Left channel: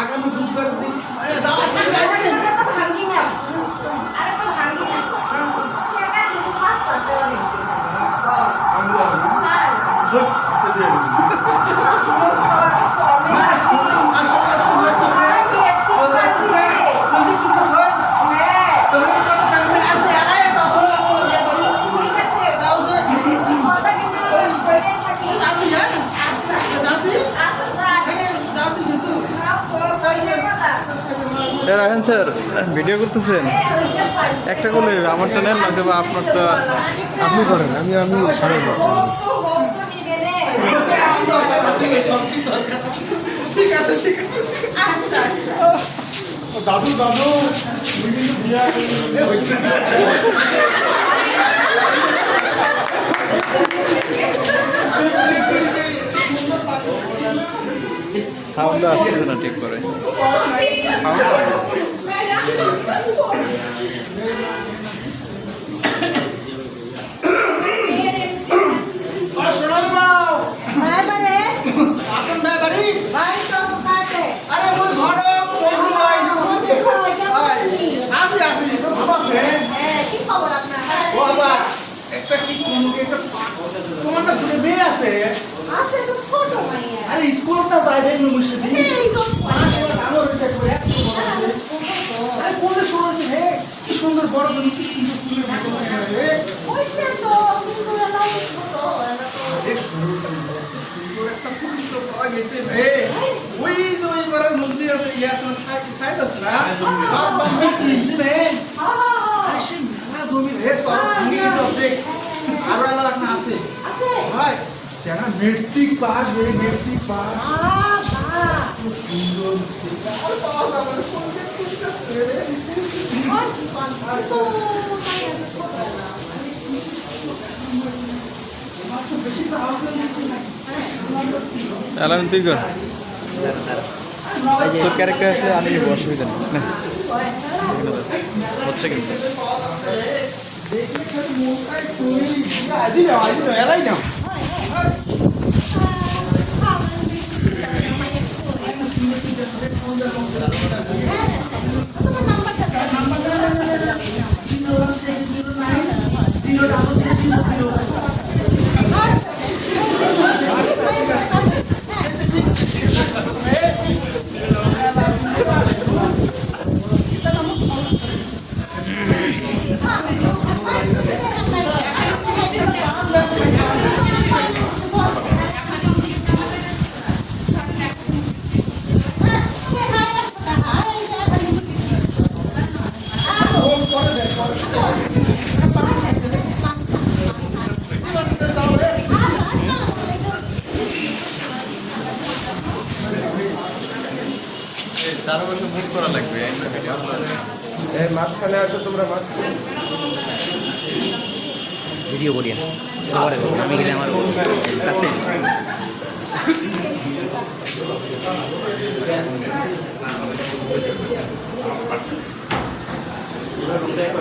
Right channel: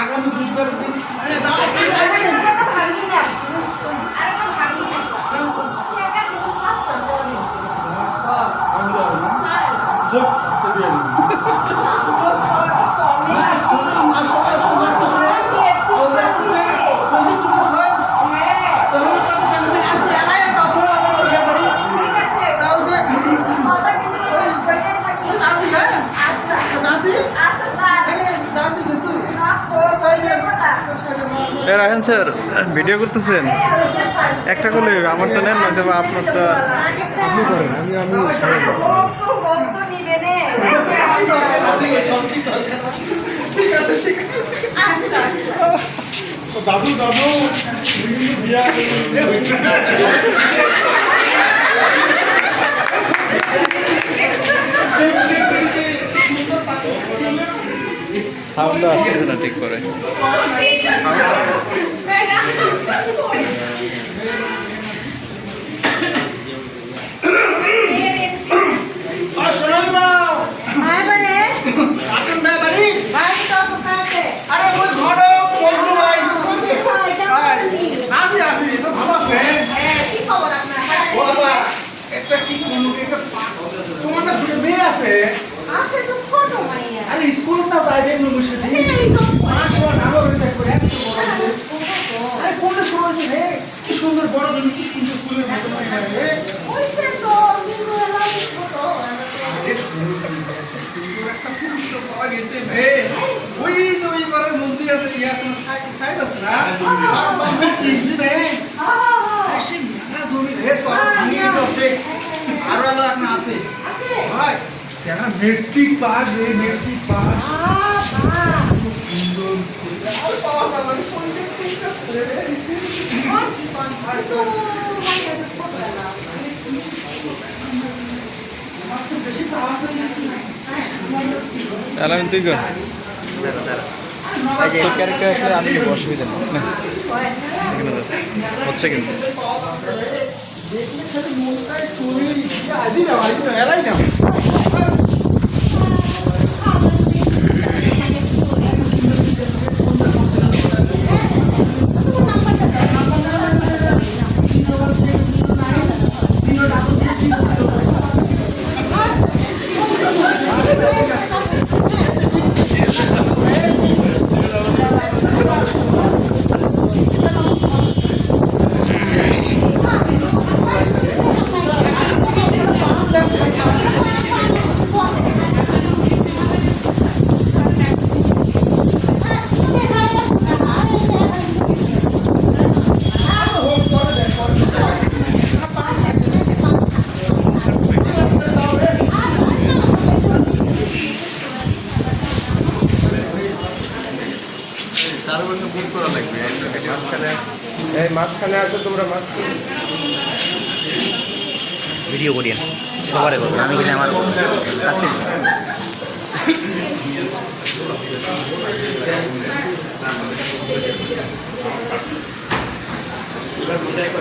আগামী বুধবার দিন রায়হান স্যার ভিডিও করতেছেন একটা করলে আমারটা নেন না দেবা আপনারটা আপনি করেন আমি ঠিক আছে দাদু দাদু সাউন্ড আসতেছে না ঠিক করে সোনালি বাবু আসেন না বাড়ি আরে ওই ঘরে বলতে ভাই আসি তো ভালো আছে ও বাবা একটা কি কোন একটা তোমার না দুটো মেয়ে আছে আরে স্কুল না যায় দেখ নমস্কার এই তো পড়াশোনা ভালো হয়েছে করে আরে কোনটা শুনেছে রে কি সুন্দর বড় জন্য কি সুন্দর ফুলের মতো মনে হয় রে ওইটা তো কিন্তু এলা ছোট আরে সুন্দর একটা ফুল তো পাওয়া গেছে রে ওই তো ওই বারের মন্দির আছে ইয়াস না সাইড আছে না আর বাবা কি রে আরে সে মেলা জমি রে সব ভাঙিয়ে যাচ্ছে আর আলা না আছে ভাই সেনা মেট্রিক পাস রে মেট্রিক পাস খুব সুন্দর আর বাবা বাবা কোন দিকটা রে অ্যালার্ম তুই কর ক্যারেক্টার আসলে আমি অসুবিধা নেই হচ্ছে কিন্তু দেন খাইতে। হোক করে দেন করে মাঝখানে আসো তোমরা মাঝখানে ভিডিও করিয়েন সবারে করবেন আমি গেলে আমার কাছে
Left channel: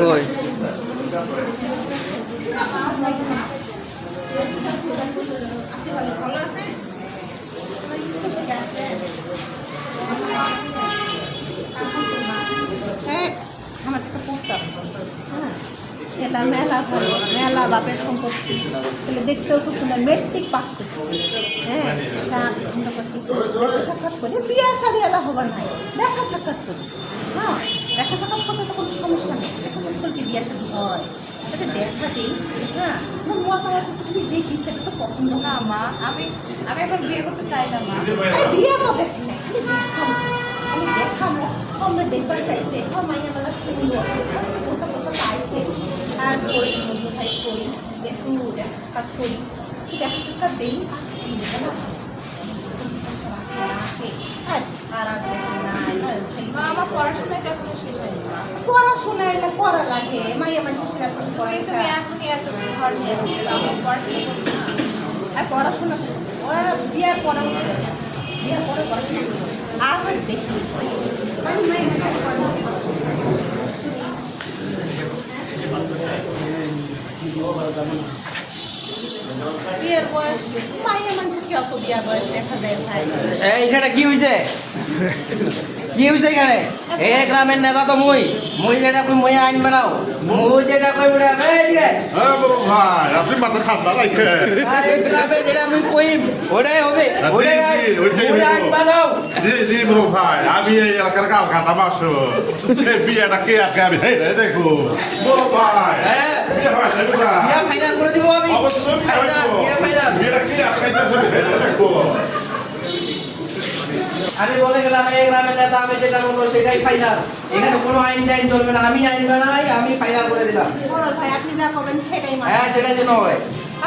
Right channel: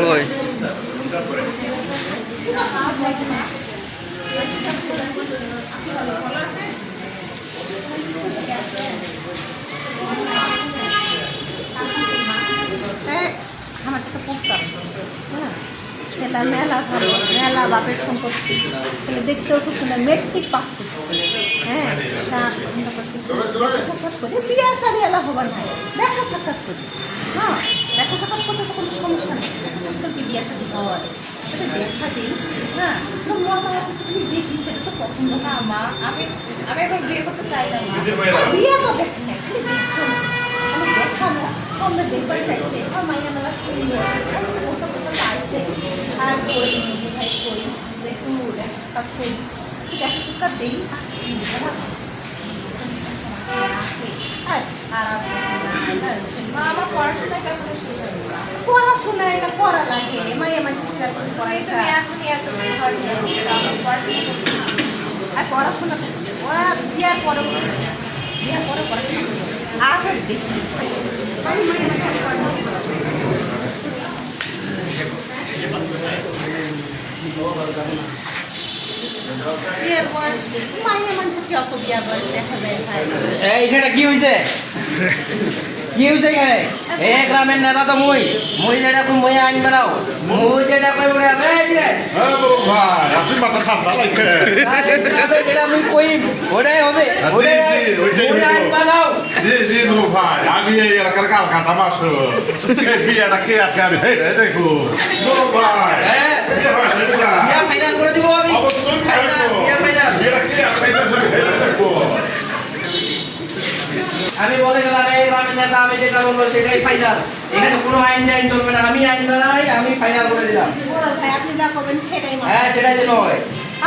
কই আমার একটা প্রস্তাব, হ্যাঁ, সেটা মেলা ধরে মেলা বাপের সম্পত্তি, তাহলে দেখতেও খুব সুন্দর মেট্রিক পাস করছে, হ্যাঁ, তা আমরা করছি দেখা সাক্ষাৎ করে বিয়ে সারি এলা হবার নাই, দেখা সাক্ষাৎ করি, হ্যাঁ, দেখা সাক্ষাৎ করতে তো কোনো সমস্যা নেই, দেখা সাক্ষাৎ করতে বিয়ে সারি হয়, ওটা দেখা দিই, হ্যাঁ, মতামত তুমি দেখি সেটা তো পছন্দ না মা, আমি এখন বিয়ে করতে চাইলাম না। বিয়ে তো দেখি না, খালি দেখানো, আমি দেখানো আমরা দেখবার চাইতে মাইয়া মেলা শুনলো বসে বসে আসে আর কই মধু ভাই কই একটু দেখা সাক্ষাৎ করি দেখা সাক্ষাৎ দিই মা, আমার পড়াশোনায় কখনো শেষ হয়নি মা। পড়াশোনা এটা করা লাগে মাইয়া মানুষ পড়াইটা তুমি এখনই এত ঘর নিয়ে আসছো, আমার পড়াশোনা করতে না। আর পড়াশোনা ওরা বিয়ার পরে বিয়ার পরে পড়াশোনা আগে দেখি মানে মাইয়া মানুষ বিয়ের বয়স মাইনে মানুষের কি অত বিয়ার বয়স দেখা যায় ভাই এইখানে কি হয়েছে কি হয়েছে এখানে এ গ্রামের নেতা তো মুই যেটা কই মুই আইন বানাও মুই যেটা কই বলে এই যে হ্যাঁ বড় ভাই আপনি মাথা ঠান্ডা লাগছে এই গ্রামে যেটা মুই কই ওটাই হবে ওটাই মুই আইন বানাও জি জি বড় ভাই আমি এই এলাকার কাল কাটা মাস এই বিয়েটা কে আটকাবে এই দেখো বড় ভাই হ্যাঁ বিয়া ফাইনাল করে দিব আমি অবশ্যই ফাইনাল বিয়া ফাইনাল বিয়েটা কে আটকাইতে দেখো আমি বলে গেলাম এই গ্রামের নেতা আমি যেটা বলবো সেটাই ফাইনাল এখানে কোনো আইন টাইন চলবে না আমি আইন বানাই আমি ফাইনাল করে দিলাম বড় ভাই আপনি যা করবেন সেটাই মানে হ্যাঁ সেটাই যেন হয়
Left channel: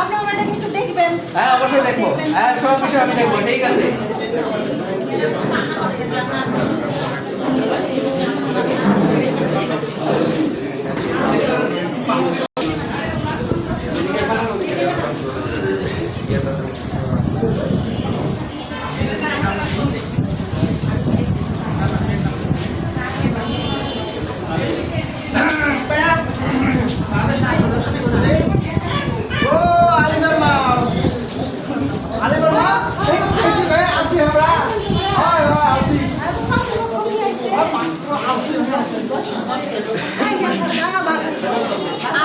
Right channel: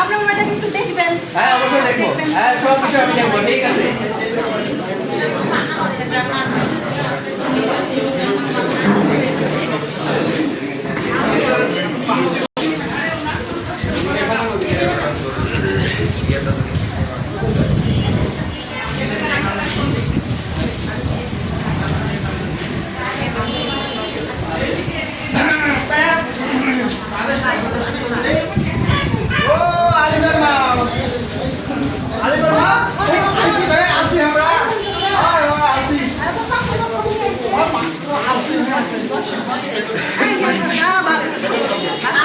আপনার ম্যাডাম একটু দেখবেন হ্যাঁ অবশ্যই দেখবো হ্যাঁ সব কিছু আমি দেখবো ঠিক আছে ও আলিমের মা আলিমের মা আইছি ভাই আছি আমরা হয় হয় আছি আর তো কত লোক কমিয়ে আছে আছি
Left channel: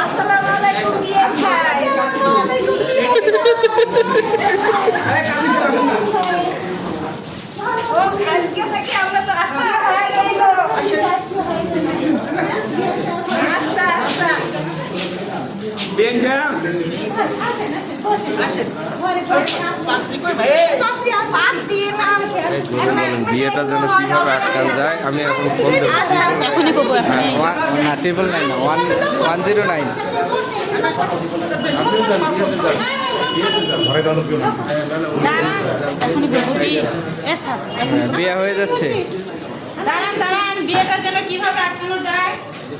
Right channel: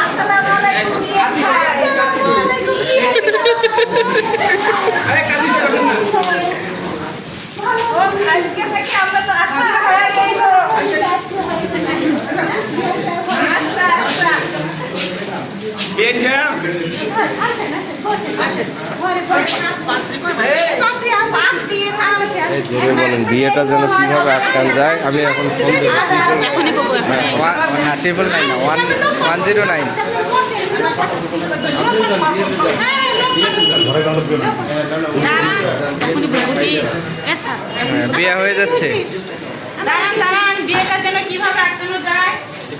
আসসালামু আলাইকুম বিয়ে ভাই। ও আজকে থেকে আমরা তো আত্মীয় হয়ে গেল। আচ্ছা আচ্ছা বিয়েটা যেন কিভাবে আটকানো যায় আমি এখন ফোন দেবো না 109 বিয়ে হয়ে যাচ্ছে বিয়েটা যেন কিভাবে আটকানো যায়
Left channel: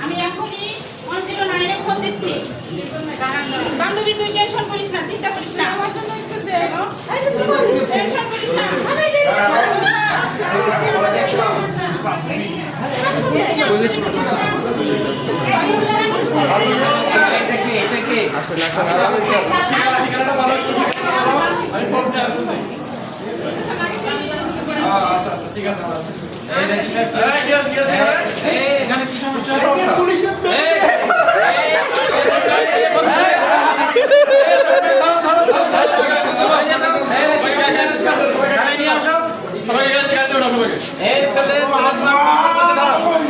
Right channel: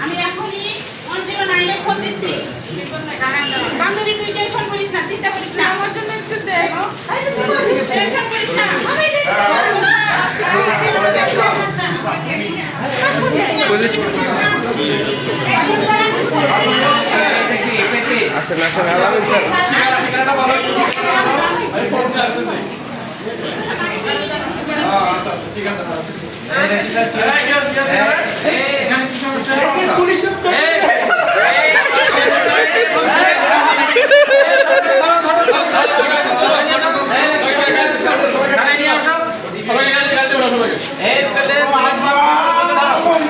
আমি এখনই 109 এ ফোন দিচ্ছি। বান্ধবী তুই টেনশন করিস না, চিন্তা করিস না, আমার জন্য একটু দেখো, টেনশন করিস না। পুলিশ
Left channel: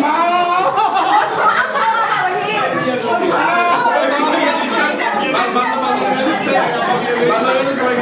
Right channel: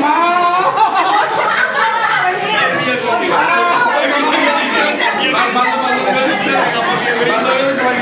মা ভালো হলে সবাই